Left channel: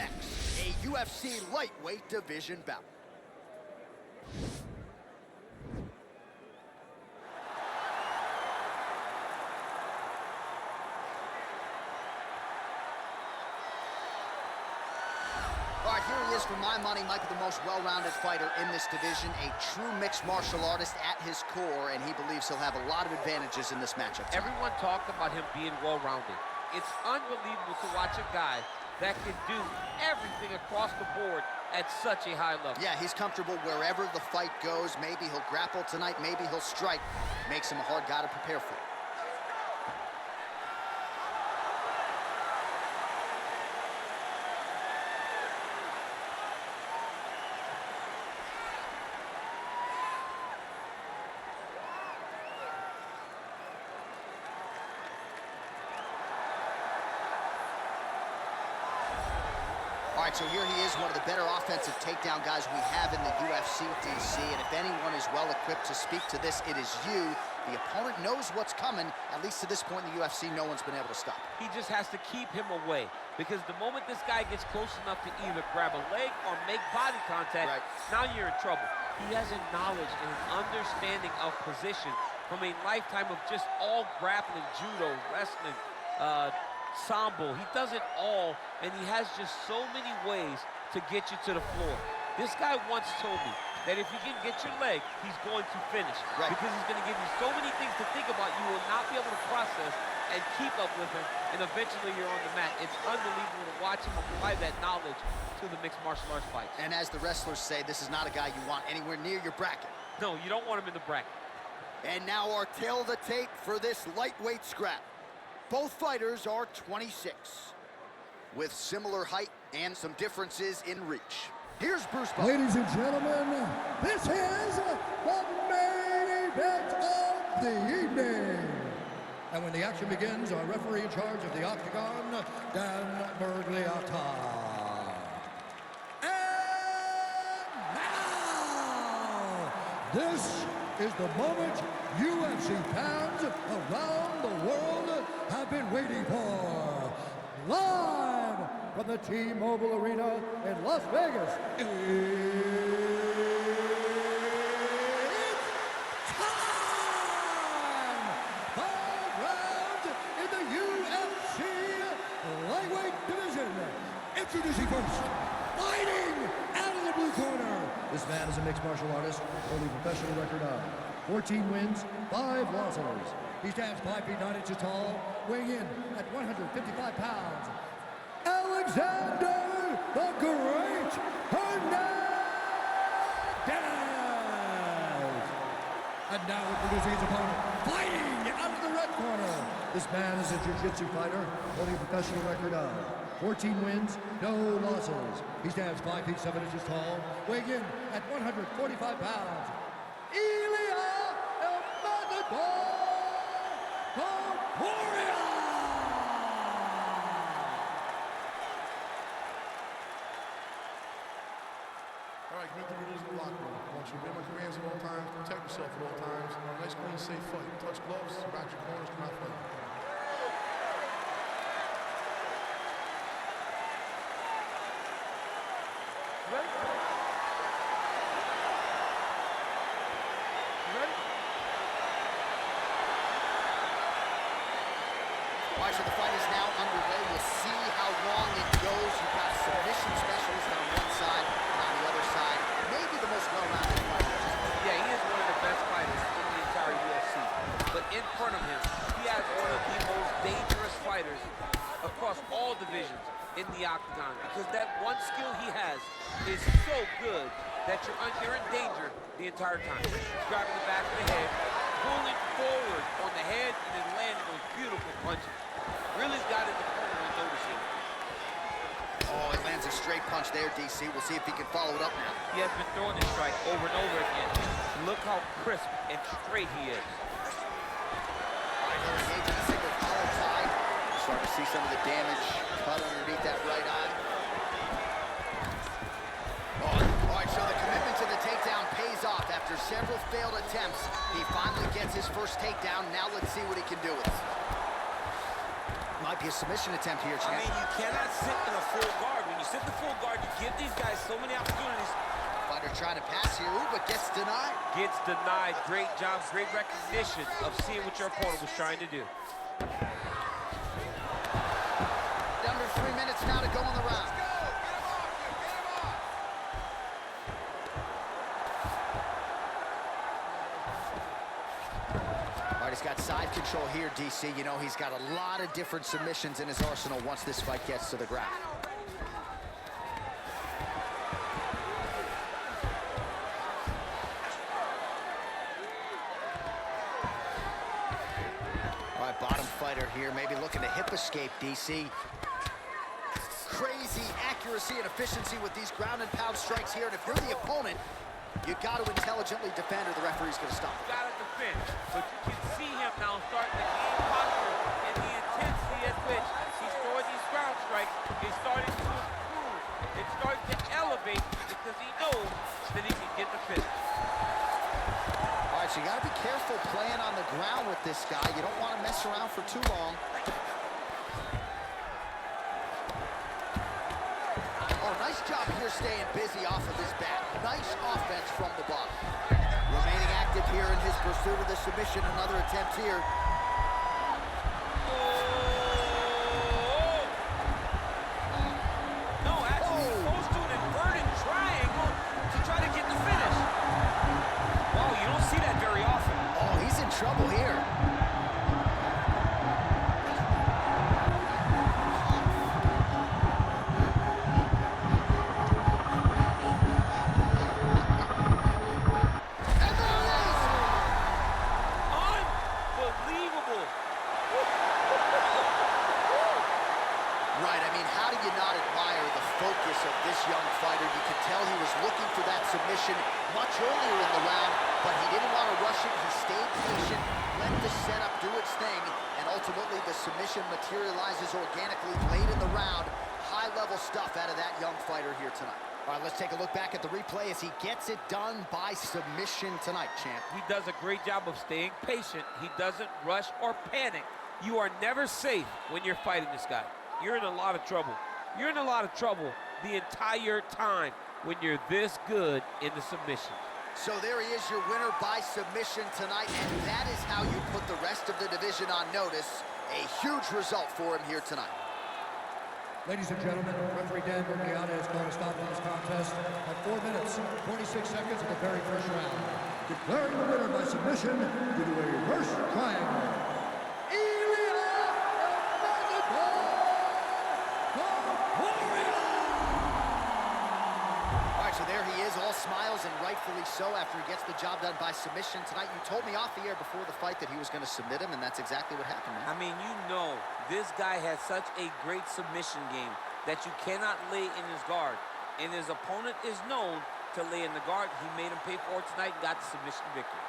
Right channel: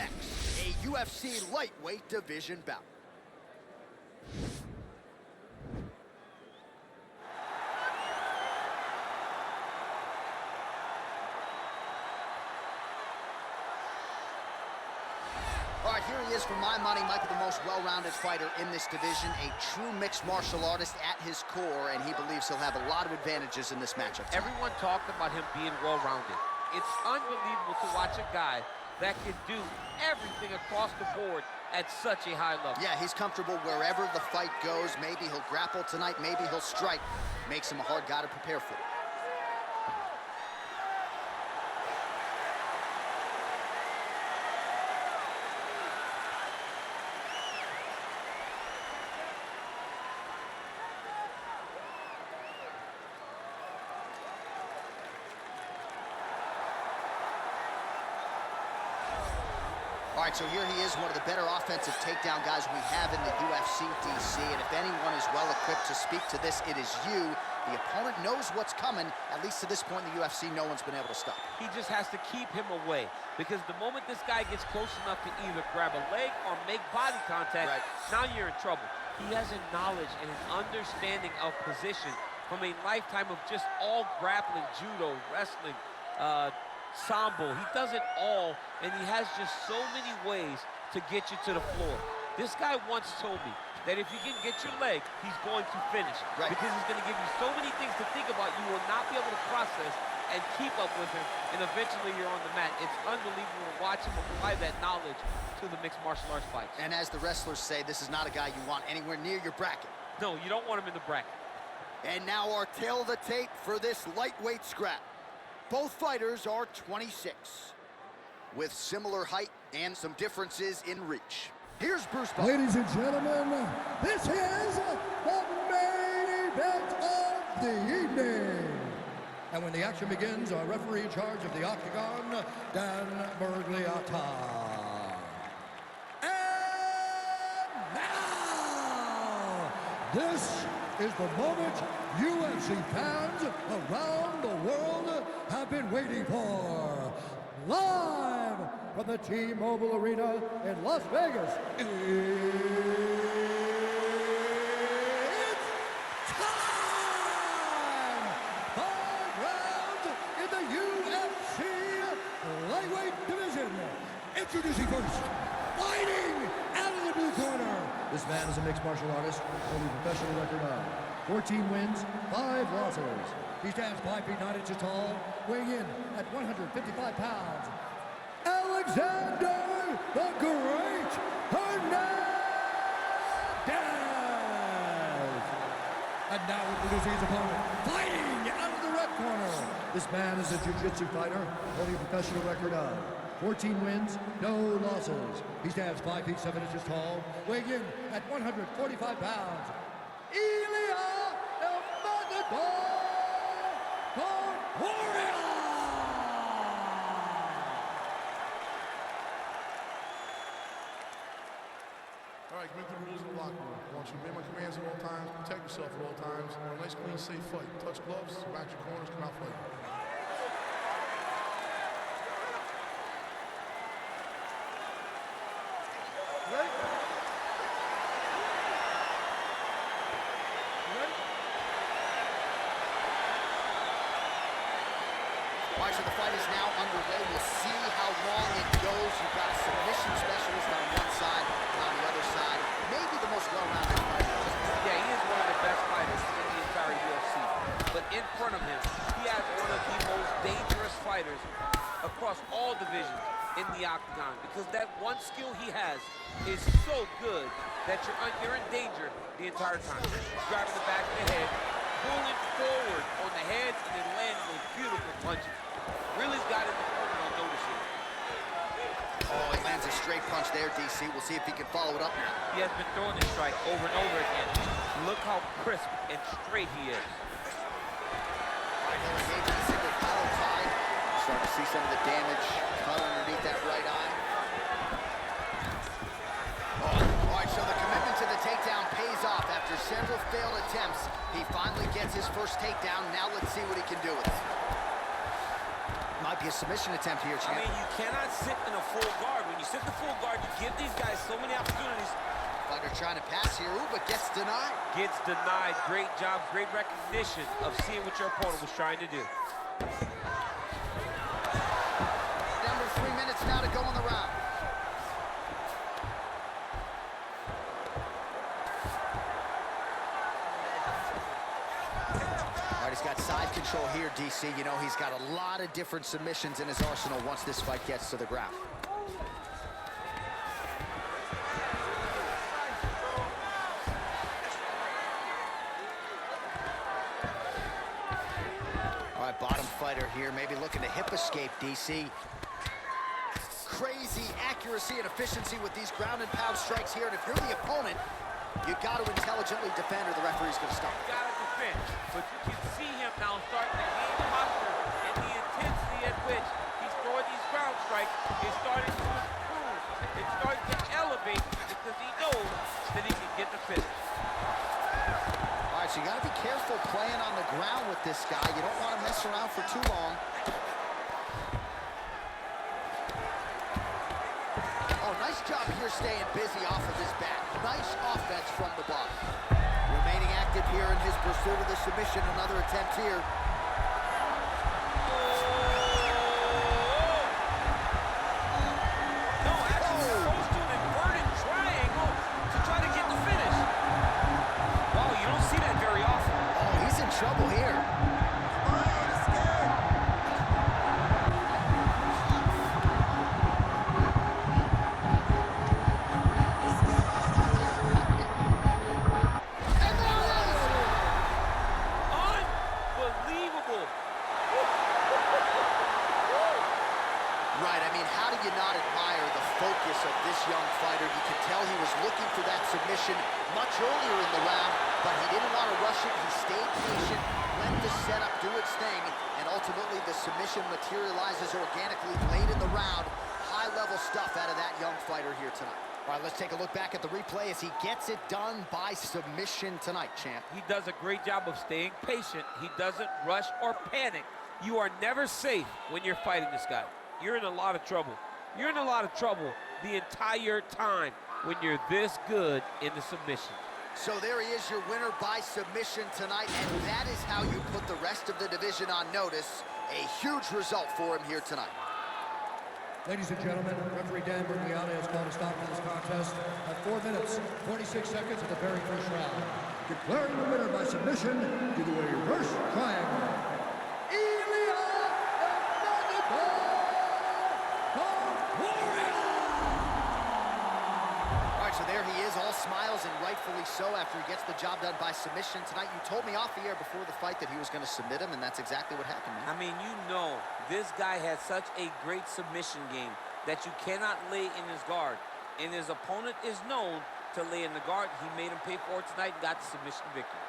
next, a UFC lightweight division bout. All right, here he is, for my money, Michael, the most well-rounded fighter in this division, a true mixed martial artist at his core, and he believes he'll have a lot of advantages in this matchup tonight. Everyone talked about him being well-rounded. It's unbelievable to watch a guy that can do everything across the board at such a high level. Yeah, he's comfortable wherever the fight goes. Maybe he'll grapple tonight, maybe he'll strike. Makes him a hard guy to prepare for. All right, so here he is, one of the better offensive takedown guys we have in the UFC, DC. And if anyone is well-equipped to speak to this, it is you. The opponent knows what's coming. At least to this point in the UFC, no one's been able to stop. He just has to keep him away, because the moment this guy gets close enough to either grab a leg or make body contact, now you're in trouble. He has a knowledge and an understanding of position from a lifetime of just all grappling, judo, wrestling, sambo. He does it all, and he has just so many ways to get you to the floor. This guy once told me that if you can get your leg, he's going to finish. Because he's going to give you so many things to think about, you will not be able to process and keep up with him, and eventually you're on the mat. It's unbelievable to watch him apply that knowledge to the mixed martial arts fights. And as the wrestlers say, this is not a guy you want anywhere near your bracket. No, you don't want him in the bracket. And now our tail of the tape for this lightweight scrap. Both fighters are 26, with similar height and some differences in reach. Here's Bruce Buffer. Ladies and gentlemen, this is the main event of the evening. And when the action begins, our referee in charge of the octagon, Dan Bergliata. And now, this is the moment UFC fans around the world have been waiting for. Live from the T-Mobile Arena in Las Vegas, it's time! 5 rounds in the UFC lightweight division. Introducing first, fighting out of the blue corner. This man is a mixed martial artist, holding a professional record of 14 wins, 5 losses. He stands 5 feet 9 inches tall, weighing in at 155 pounds. Alexander the Great Hernandez! And now introducing his opponent, fighting out of the red corner. This man is a jiu-jitsu fighter, holding a professional record of 14 wins, no losses. He stands 5 feet 7 inches tall, weighing in at 145 pounds. Ilia Topuria! All right, commit to the rules of the locker room. I want you to obey my commands at all times, protect yourself at all times. I want a nice, clean, safe fight. Touch gloves, back your corners, come out fighting. Ready? Ready? All right, so the fight is now underway. We'll see how long it goes. You've got a submission specialist on one side, and on the other side, maybe the most well-rounded fighter. Yeah, he is one of the best fighters in the entire UFC. But in front of him, he has one of the most dangerous fighters across all divisions in the octagon, because that one skill he has is so good that you're in danger the entire time. He's grabbing the back of the head, pulling forward on the head, and then landing those beautiful punches. Really's got his opponent on notice here. Oh, he lands a straight punch there, DC. We'll see if he can follow it up now. He has been throwing this strike over and over again. Look how crisp and straight he is. All right, they're engaging the single collar tie. Starting to see some of the damage cut underneath that right eye. Oh, all right, so the commitment to the takedown pays off. After several failed attempts, he finally gets his first takedown. Now let's see what he can do with it. Might be a submission attempt here, champ. I mean, you cannot sit in a full guard. When you sit in the full guard, you give these guys so many opportunities. Fighter trying to pass here, ooh, but gets denied. Gets denied. Great job, great recognition of seeing what your opponent was trying to do. Under 3 minutes now to go in the round. All right, he's got side control here, DC. You know, he's got a lot of different submissions in his arsenal once this fight gets to the ground. All right, bottom fighter here, maybe looking to hip escape, DC. Crazy accuracy and efficiency with these ground and pound strikes here, and if you're the opponent, you got to intelligently defend or the referee's going to stop. You got to defend, but you can see him now starting to gain posture, and the intensity at which he's throwing these ground strikes is starting to improve. It's starting to elevate because he knows that he can get the finish. All right, so you got to be careful playing on the ground with this guy. You don't want to mess around for too long. Oh, nice job here staying busy off of his back. Nice offense from the bottom. Remaining active here in his pursuit of the submission. Another attempt here. No, actually goes to an inverted triangle to try to get the finish. Wow, you don't see that very often. Oh, he's in trouble here. Right, I mean, how do you not admire the focus of this young fighter? You can tell he was looking for that submission much earlier in the round, but he didn't want to rush it. He stayed patient, let the setup do its thing, and ultimately the submission materializes organically late in the round. High-level stuff out of that young fighter here tonight. All right, let's take a look back at the replay as he gets it done by submission tonight, champ. He does a great job of staying patient. He doesn't rush or panic. You are never safe when you're fighting this guy. You're in a lot of trouble. You're in a lot of trouble the entire time when you're this good in the submission. So there he is, your winner by submission tonight, and that is how you put the rest of the division on notice. A huge result for him here tonight. Ladies and gentlemen, referee Dan Ilia has called a stop to this contest at 4 minutes, 26 seconds of the very first round. Declaring the winner by submission due to a reverse triangle. So there he is, all smiles, and rightfully so after he gets the job done by submission tonight. You told me off the air before the fight that he was going to submit him, and that's exactly what happened, man. I mean, you know, this guy has such a great submission game that you cannot lay in his guard. And his opponent is known to lay in the guard. He made him pay for it tonight and got the submission victory.